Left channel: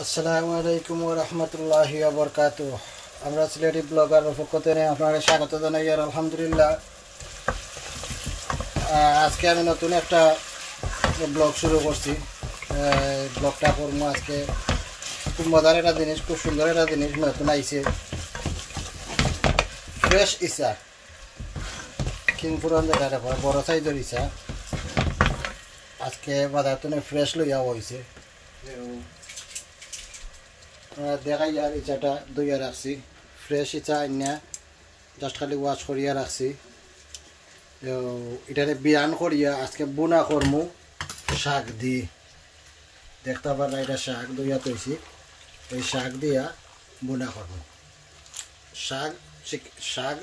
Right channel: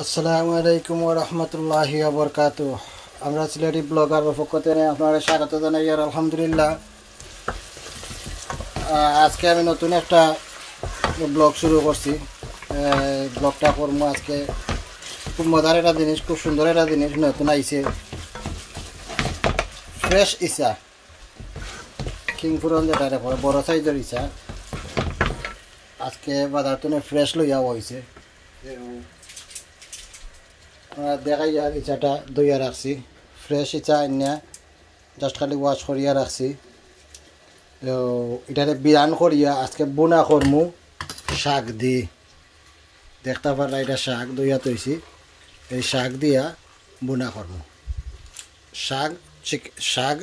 আসসালামু আলাইকুম ওয়া রাহমাতুল্লাহি ওয়া বারাকাতুহু। আমরা সিলেটি ব্লগারের পক্ষ থেকে আপনারা স্বাগত জানাই। আর আলহামদুলিল্লাহ, আজকে আমি নতুন একটা ব্লগ শুরু করছি। ব্লগটা করবো আজকে খুব মজার একটা জিনিস, খুব সুন্দর একটা জিনিস নতুন আইছে। ফ্রেশ ইসা কিংপুরন যেটা বড় সাইজের ইসা আজকে বাজার থেকে ফ্রেশ লইয়া হয়েছে। দেখাই আর ইচাটা দইয়া রাখছি, ফ্রেশ ইচা আনিয়া জাস্ট খালি ওয়াশ করিয়া রাখছি। এটারে বিরান করিয়া আজকে বুনা করমু শাক দি। দেখতে পারলা এটা শাক দইয়া তৈছি, এই শাক দিয়া বুনা করমু। শাক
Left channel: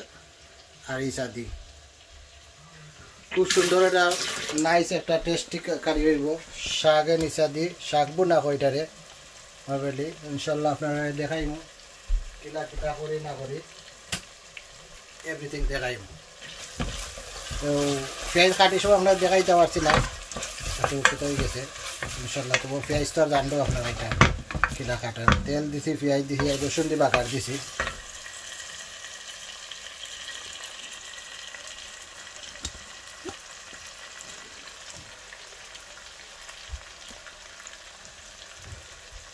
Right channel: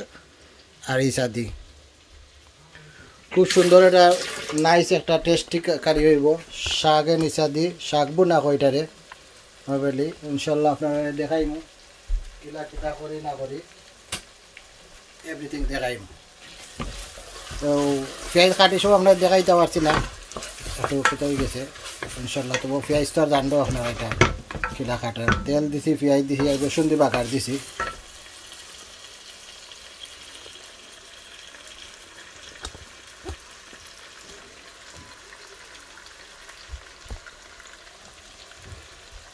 আর ইচা দি খুব সুন্দর একটা নাইস একটা টেস্টি কারি হইব। শাকে নিচা দি শাক বুনা কইটারে বলি ইনশাল্লাহ আপনারা দেখাইমু কিলা কিতা করি না করি এভরিথিং দেখাইমু। তো পেঁয়াজ কাটি সব আপনারা দেখাইতে পারছি না, একটু কোথায় গেছে ইনশাল্লাহ। তবু পেঁয়াজ তো আর জানবো আপনারা এটা কিলা কাটার। তেল দিছি, পেঁয়াজ দিছি, রসুন দি বাকার দিছি।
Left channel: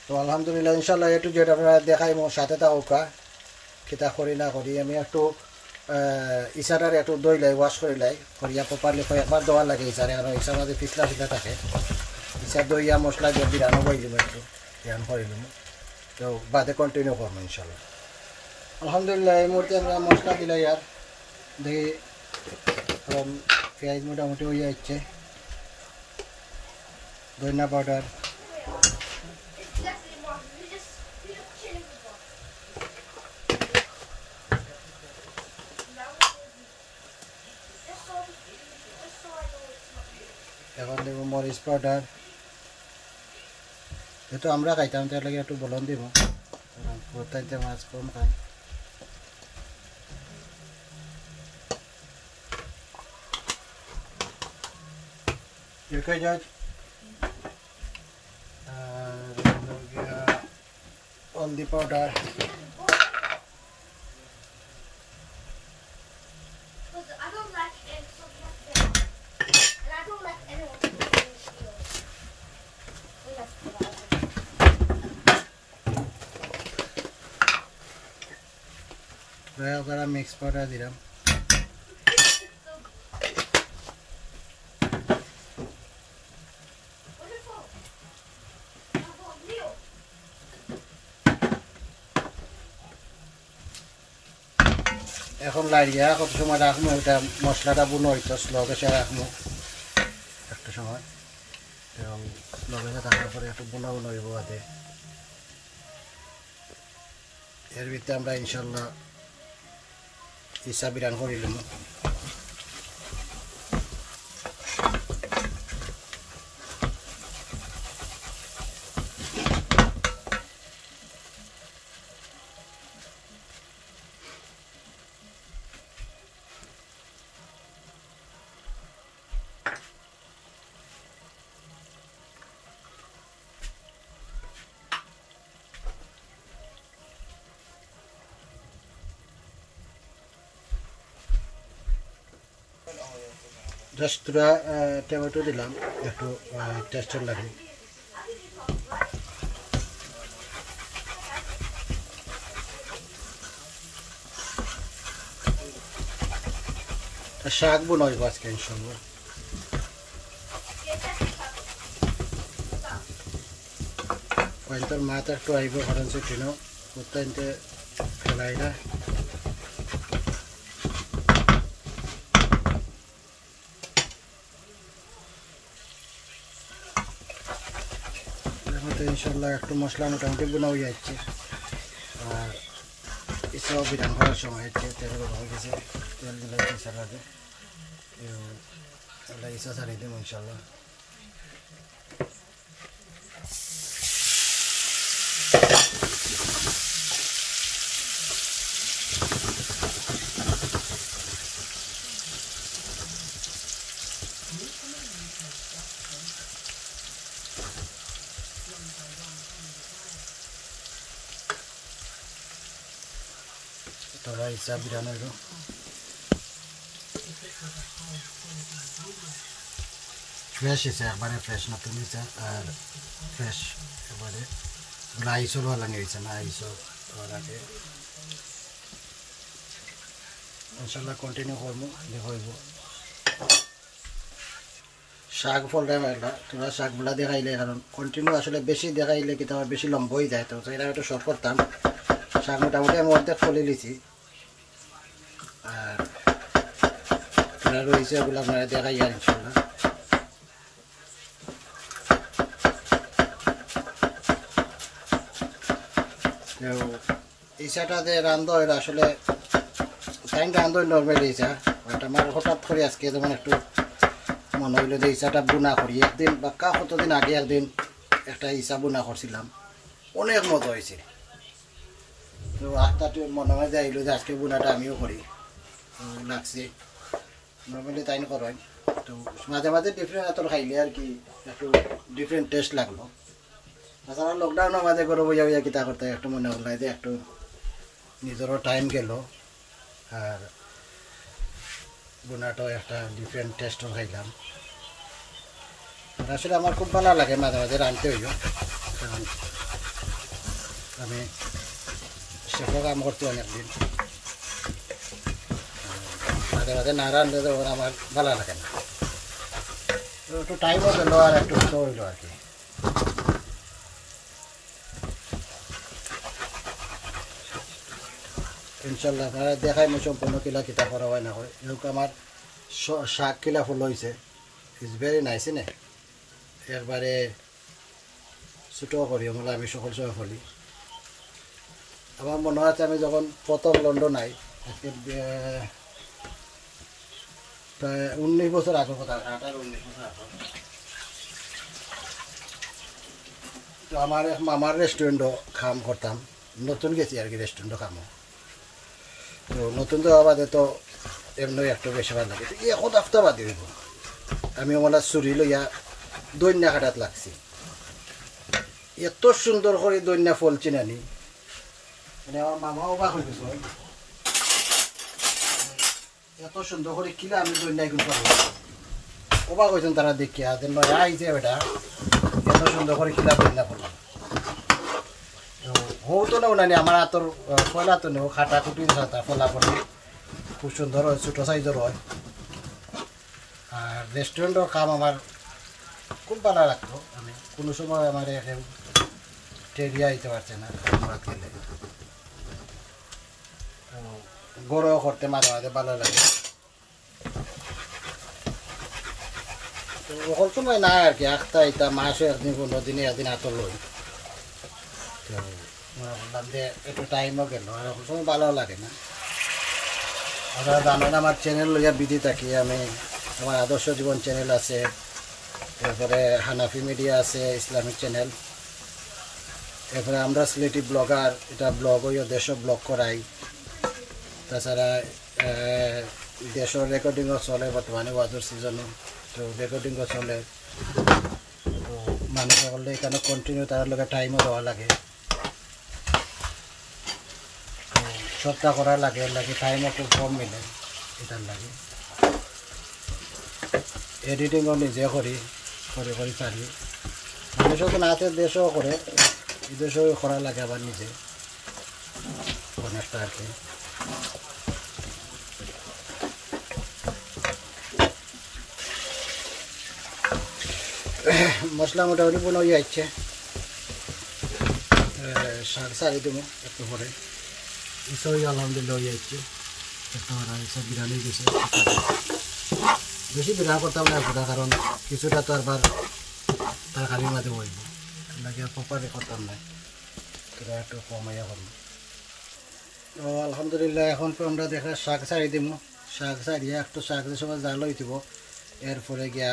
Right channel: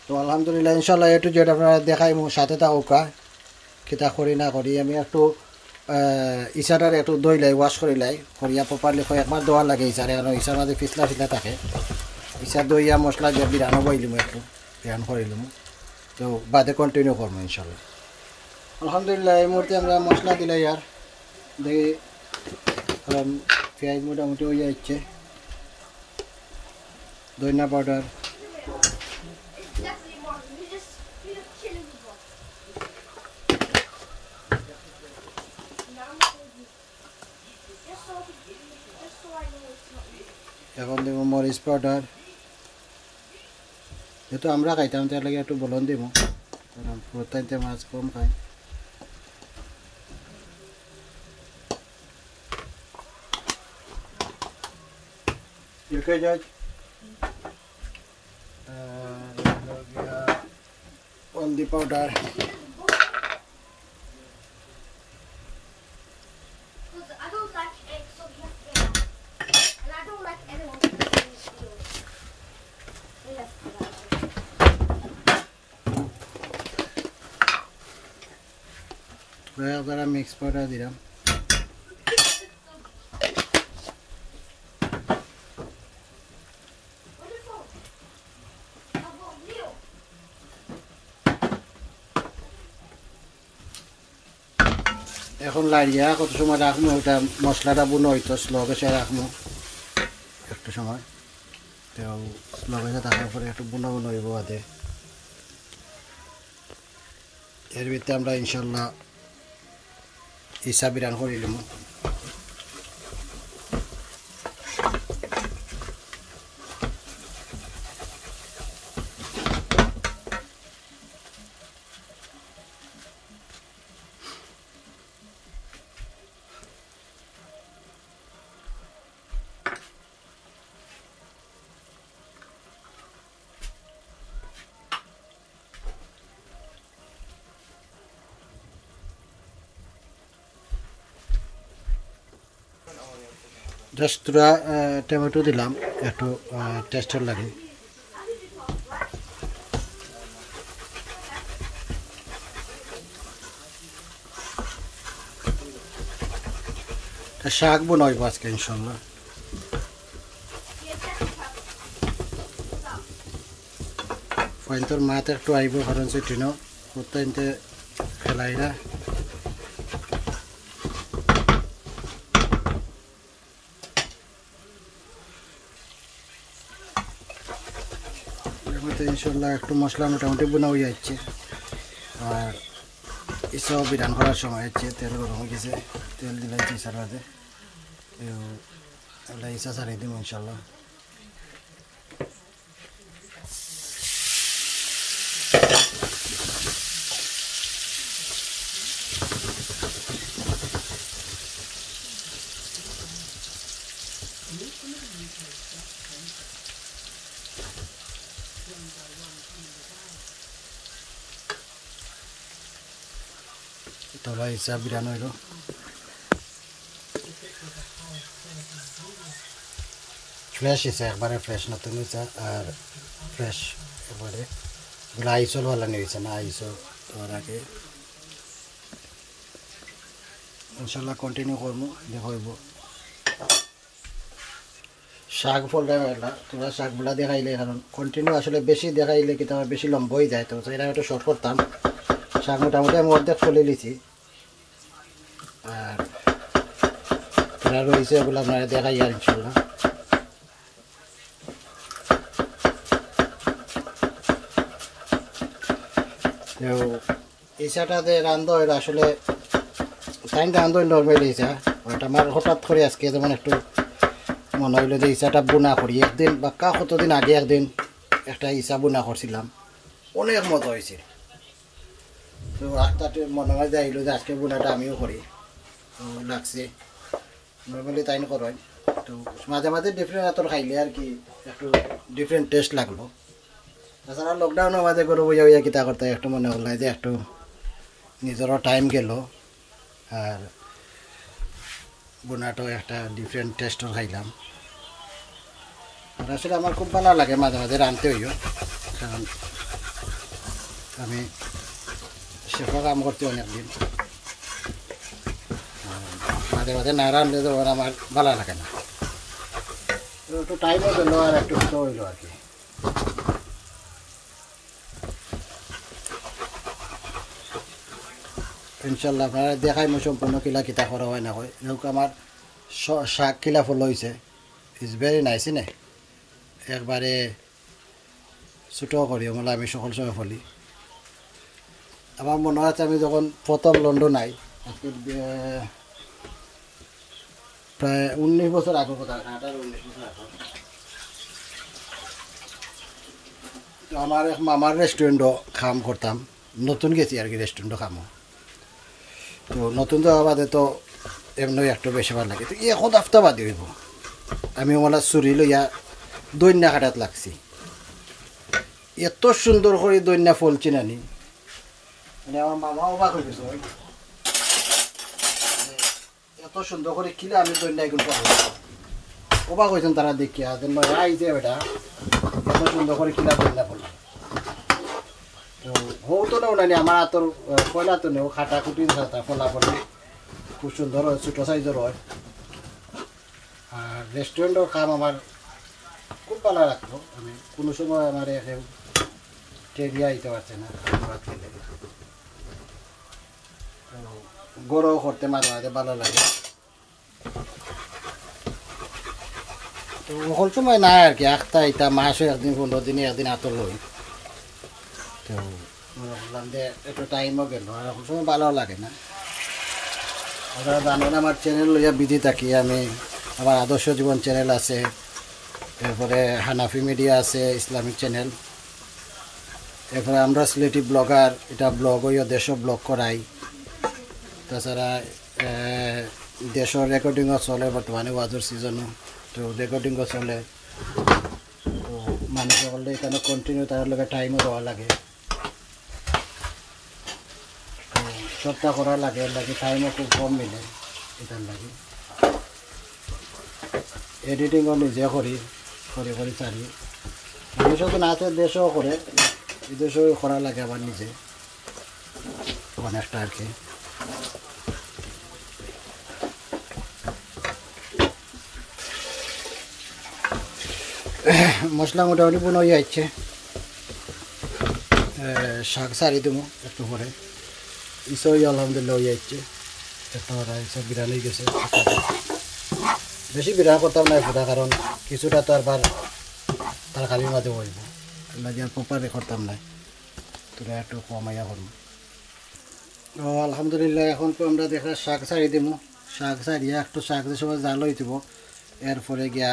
তো আলহামদুলিল্লাহ ইনশাল্লাহ একটু যেটা আপনারা দেখাইমু, সাথে থাকুকা কিতা করি না করি। আমি একটু ইচাটার একটু দই লাই ওয়াশ করি লাই করিয়া প্রপারলি কয়েকবার দেওয়া লাগে ইচারে, কারণ ইচার মাঝে পিছলা পিছলা থাকে। ইচা দইয়া মশলা দিয়ে বিরানো বইলিম, একটু বিরান করিলিম। তো বাদে কন্টিনিউ করবো ইনশাল্লাহ। আলহামদুলিল্লাহ এই মুহূর্তে আমরা মশলা দিলাই আর দেখি পেঁয়াজ মোটামুটি হয়ে যাচ্ছে। ধনিয়া পাউডার, এখন দেবো মরিচ পাউডার। যেহেতু আমরা খাইতাম তার লাগে একটু বলন দিব, কারণ প্রত্যেকটা মাছ কম খাই। হলদি পাউডার, মিক্স পাউডার দিলাম। এখন লাড়িয়া কত সময় রাখবো, ওটা মশলাটা বুনো হইতো স্লো গ্যাসে রাখবো একটু সময়। তো স্লো গ্যাসে থাকার পরে একটু বুনো বুনো হইব বাদে। এর ভিতরে আমরা ইনশাল্লাহ ইসা বিরান করিলাম। জাস্ট দুটা টমেটো দিলাম একটু টেস্টের লাগে। শাক বনাইব আজকে ইনশাল্লাহ। পয়েন্টর মাছ একটু আইব, কারণ সেটিনো প্রত্যেকতে ফেলাই না। ইনশাল্লাহ একটু মশলা মোটামুটি বোনা হয়ে যাচ্ছে। আর ইসাও বিধান করার সময় হচ্ছে, তেল গরম হয়ে গেছে, তেল দিলে ইসার মধ্যে ইসা ছাড়িয়ে দিব ইনশাল্লাহ। তোলা হিসাব বিরানো হইল ফ্রেশ হিসে একবারে ফ্রেশ নতুন হয়েছে আর ফ্রেশ একবারে ওগুলো আইসল ভালো নিয়েছে না আইসল তোর আগে ইনশাল্লাহ কন্টিনিউ করবো দেখব শাক ফলটা মেলা তোমরা শাকগুলা দেখাইলে কারণ কন্টিনিউ আসলে বেশি দেখাইলে কিন্তু আমার বেশি লম্ব হয়ে যায় তো সেটা একটু শর্ট করতাম শাক মোটামুটি আমি অর্ধেক ফলে নিছি আর তোরা রয়েছে ওগুলো আপনারা দেখাই আর ইনশাল্লাহ তো ইসাটাতে রান্ধ এটা আসলে টাইমটা রান্ধ নর্মালি ইসা ওটা আমার হঠাৎ করে আজকে যেমন একটু মনে হইলো যে ইসাটা বুনা করি একদিন বা কতদিন আগে একদিন একটা ইসা বুনা করছিলাম অনেক মজা হয়েছে তো আস্তে মনে হয় যাইলো যে আজকে বুনাটা আমিও করি লাগছে নর্মালি তাই করেন তো মাঝে মাঝে ডিফারেন্ট আতর খাইলে আর কি একটু ডিফারেন্ট টেস্ট লাগলো তাছাড়া লকডাউনের মাঝে করে বইয়া বইয়া কিতা করতে একটু মনে হল যে একটু নিজেরও টাইম গেল আর বুনাটাও একটা ডিফারেন্ট টেস্টও খাইলাম আর আসলে আমার খুব ভালো লাগে মাঝে মাঝে রাঁধতে হইও কারণ আমি শেফও কাম করছি অনেকদিন মাঝে মাঝে না রাঁধলে তো আমার ভালো লাগে না একটু টাইমও গেল আর একটু হতো হইলো আর কি ইনশাল্লাহ আপনারা দেখাই মই সম্পূর্ণ কিলা কিতা করা হয় না হয় এরকম আমার শাক কিলা ফুল হয়েছে ইজ ভেরি নাইস নে একবারে ছোটো করি বলে আমি সকল সময় ফলি আমার মনে আছে আমি যখন প্রথম লন্ডন আই প্রায় 19 বছর আগের কথা 18-19 বছর আগে আমার এক মামার রেস্টুরেন্টও কাম করতাম নতুন গেছি আর কি রেস্টুরেন্টও কামও তো নতুন তো বাদে তো এমনি একটু বেশি ভালো লাগে তো এখন আফতা বাদে হইব আমি মানে চুরি লইয়া দৈন্যা কাটাত লাগছি এত সুন্দর করে দৈন্যা ফলছি নানি মানে আমার মামা অবাক হয়ে গেছে এত সুন্দর করে কিলা আমি দৈন্যা এগুলো অবাক হয়েছেন তারা দেখিয়া যে নয় আইছে বেটা এত সুন্দর করে কিলা দৈন্যা ফললাম হো তো নেও নানি আমার আতর পয়লা তো নেও খাটা খুটি ফলা পড়ি খুব সুন্দর হয় ছোটো সাইজের হয় আর রেস্টুরেন্টের কাম আমার খুব ভালো লাগতো আমি কোনো সময় আমার টেরিয়া দিতে পারছে না খাবার খেলে গরও করতে মাঝে মাঝে ভালো লাগে তো ওখান সময় নাই আর কি একটা এটা মাসে একদিন 15 দিনে একদিন আতর লই তো বললাম যে একটু টাইমও গেল এখন সময় ভালো লাগে না আপনারা জানেন আমার চ্যানেল লইয়া বিধি থাকি আমি আমার আদর্শ জীবন চ্যানেল আছে এরপরে হানাফি মিডিয়া আছে ইসলামিক চ্যানেল এরপরে আমরা সিলেটি ব্লগার এটা ব্লগ হইয়া দেশও ব্লগ করাই তাছাড়া দেশের রেকর্ডিংও চলে বর্তমানে ওয়াজের সিজনও তো রেকর্ডিংও চলে তো মানুষ সকলে এখানে কন্টিনিউ তার লগে টাইমও দেওয়া লাগে সবটা করা লাগে টাইমও খুব কম মিলে এটার লাগে এডিটিংও নিজে করি চারি মানুষও তো নাচের দেশেও করে বিদেশেও করা লাগে আবার নিজে অনেকটা আর কি মশলা মোটামুটি বোন হয়ে যাচ্ছে শাক সারি দেবো একটু পরে ইসব আলহামদুলিল্লাহ হয়ে যাচ্ছে একটা সব বিরান হয়ে গেছে বেশি বিরান করতাম না পুরা কারণ কিছুটা তো আর তরকারির মাঝে বইব লাগে আর প্রপারে করতাম না তোরা একটু কমাইয়া করবো আলহামদুলিল্লাহ এখন তো আমরা দেখা শাক সারি দিব শাক সারিয়া একটু শাক দিয়ে সময় জাল হয়ে দিব এরপরে গিয়া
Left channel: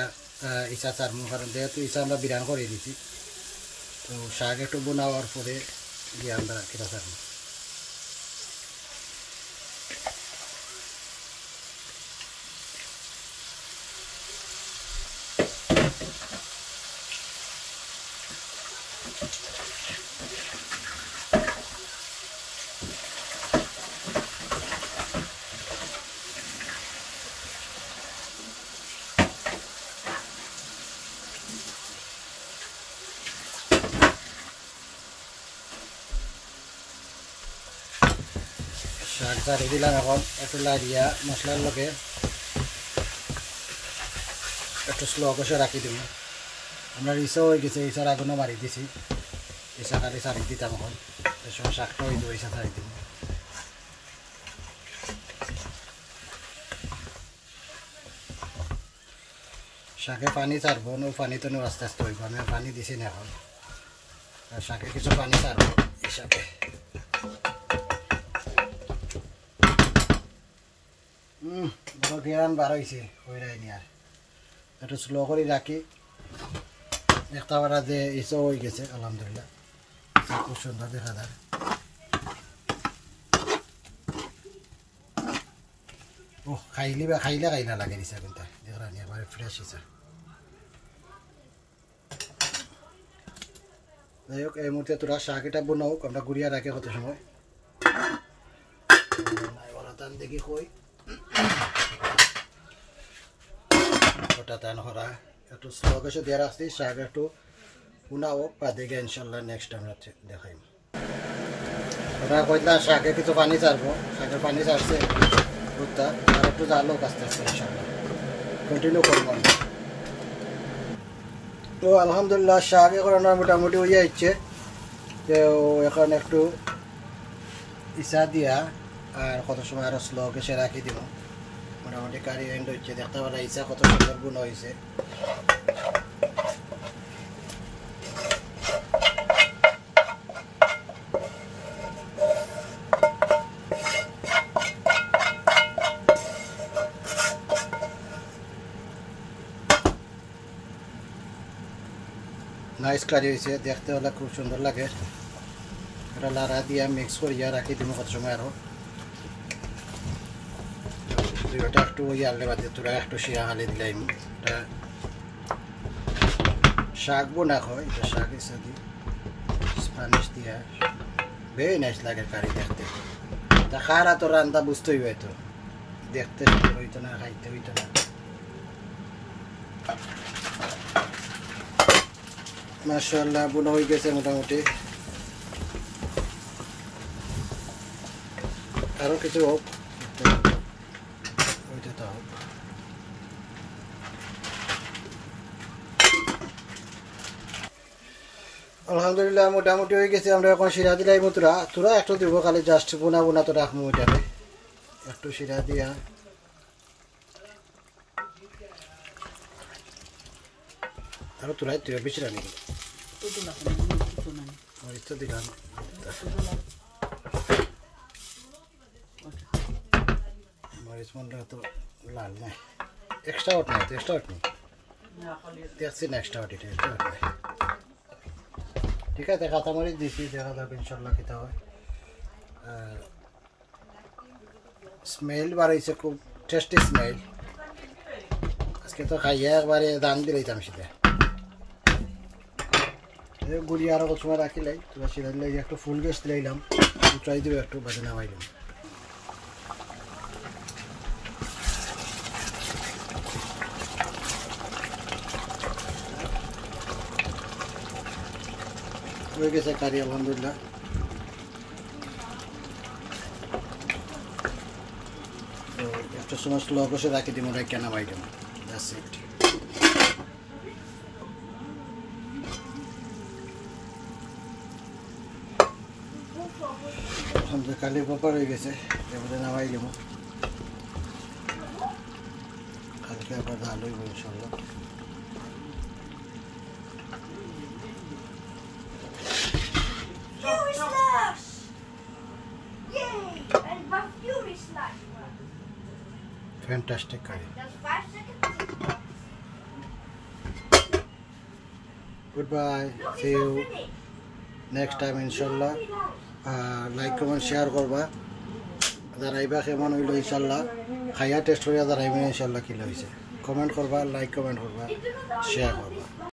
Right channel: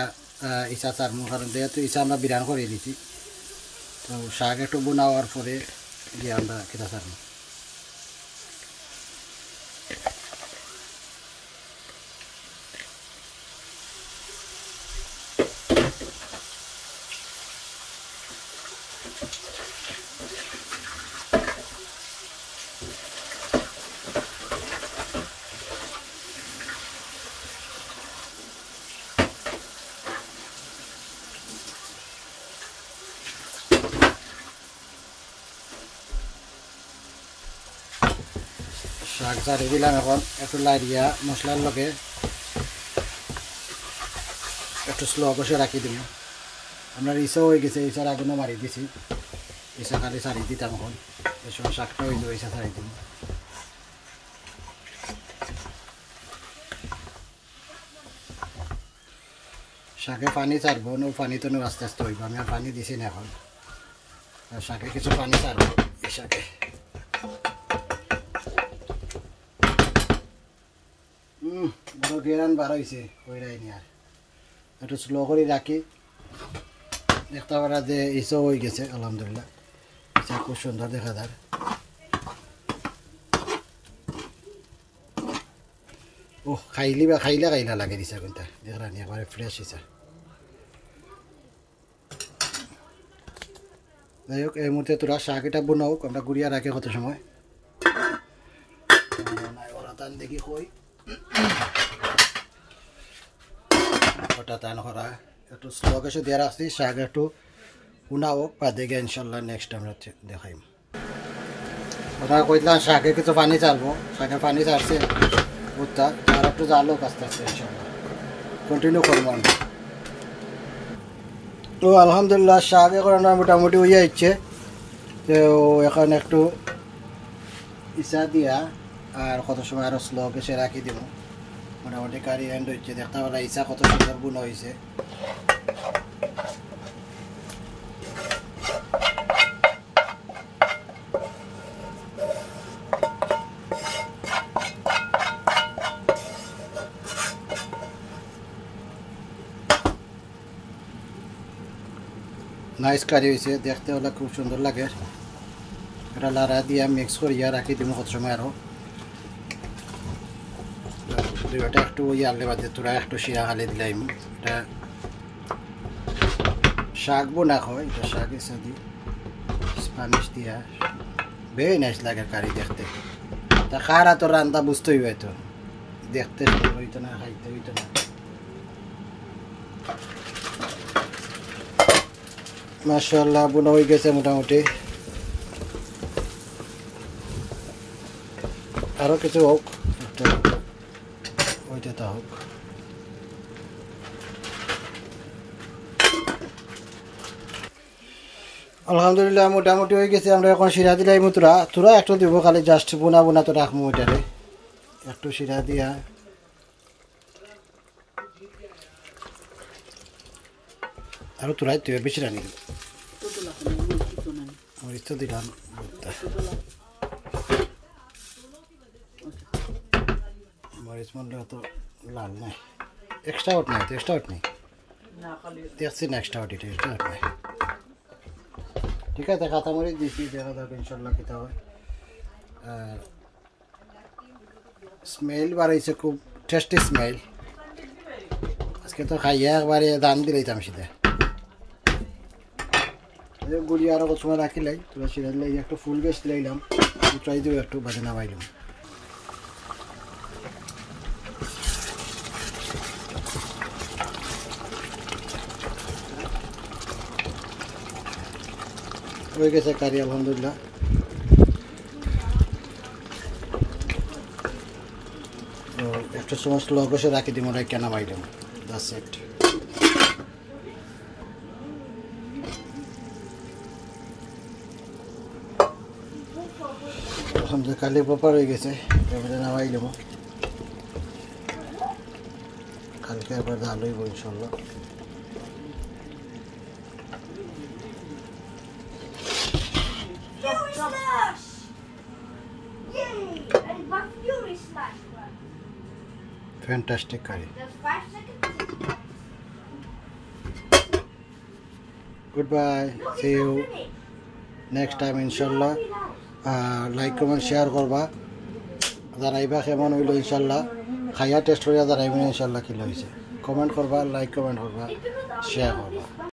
ইসা চারমো কারণ যেহেতু ইসা আমরা বিরান করে দিছি তো শাক একটু বোনাওয়ার পরে গিয়ে আমরা কিটা চারমো শাক চারি দিলাম এখন একটু লাইরিয়া মশলার লগে একটু স্লো কষে রাখি দিব আমরা ইসাও হয়ে গেছে ইসার আগুনও মারি দিছি ইসা খালি সারি দিতাম এখন এর সময় শাকটা হয়ে যাবে ইসা সারি দিব শাকে পানি ছাড়বো নো পানি তো আস্তে আস্তে হইব আমি পানি দিছি না এখন শাকে কিছু পানি ছাড়বো এই শাকে বড় গেরান বার হয়েছে হইরাই নি আর একটু স্লো করে রাখি দেখতে পারা যে ইসো হয়ে গেছে আলহামদুলিল্লাহ ইসা খুব সুন্দর দেখা যায় ও খাইলা লাগে ইসা কিন্তু দেখলাম একবারে ফ্রেশ ইসা যাই হোক এই মুহূর্তে তোরা শাক এটা বোনাও আমরা গুড়িয়া রাখে কত সময় ওরা তান দেখি কই ওটা তান করা একটু স্লো কিছু দিয়ে রাখছি শাক একটু পুনাও বাদে গিয়ে ইনশাল্লাহ নেক্সট আমরা দেখাইম ওরা কইলাম শাকে কিছু পানি ছাড়বো শাকের পানি ছাড়ছে বুঝতা আর একটু জালো আস্তে আস্তে ইনশাল্লাহ কন্টিনিউ করবো আমরা তো আলহামদুলিল্লাহ শাক এখন মোটামুটি হয়ে যাচ্ছে তো এখন একটু ইসা দিয়া আর কত সময় আরো স্লো গেছে রাখি দিব মোটামুটি কারি এন্ড হচ্ছে দেখতে পারা ইসা কত সুন্দর গুণ হয়েছে নাইস কারি হয়েছে দেখতে হলে খুব সুন্দর লাগে এটা লাড়া দিয়া মিক্স করিয়া রাখি দিব কত সময় আরো দুইটা একটু ওই আললে বাদে তোরা একটু শিরা খালি দিলাম এটা শাক বোনা হয় এটা শাক এসে দি স্প্যানিশ দিয়া ভেরি নাইস লাগে কারি দেখতে তা খারা তো রান্না বুঝতেই হয়তো দেখতে হইতো না খাইতে হইতো না মাশাআল্লাহ বোনা হয়ে গেছে মোটামুটি আরো কিছু হোক একটু ওইটা তো হোক আলহামদুলিল্লাহ মোটামুটি হয়ে গেছে আমরা এখন শিরা দিলাই তোরা একটু দিব খালি জাস্ট বোনা তো রাখবো ওইটারে একটু শিরা দিয়া আরো তোলাই তুই বেশি রানি তো দিলাম মরিচ মন্ডা তো লাল নাই এক্সট্রা ওট নাই তো এক্সট্রা ওট নেই দেখছি না এক্সট্রা ওট এটা এক্সট্রা ওট নাই ঠিক আছে কাঁচামরিচ দিছি দেখা যাবে ইনশাল্লাহ খেতে হয় স্মেল বার হয়েছে খুব টেস্টি স্মেল আজকে তো খাইয়া একবারে দান দিলাইতাম সেটা গুড়ি আরো কত সময় রাখিলাই তোরা সেটা দিলাই একটু ফুল গ্যাস দিলাইলাম উঠাই দেবো একটু বাজে নামাইলাম হয়ে গেছে কারি আলহামদুলিল্লাহ তো একটু সমস্ত লবসে রাখি দিব ওরা কেনা মাইলাম দ্যাটস ইট আলহামদুলিল্লাহ কালি প্রপার হয়ে গেছে এবারে নামাইলাম কালকে আবার ডাল হইব ইনশাল্লাহ Fantastic curry. Goodbye. See you next time inshallah. Like, comment, share korba. Jaraiba kemon hoilo inshallah. Khaya test hoya jaraiba inshallah kilo hoise. Comment korba, like comment korba, share korba.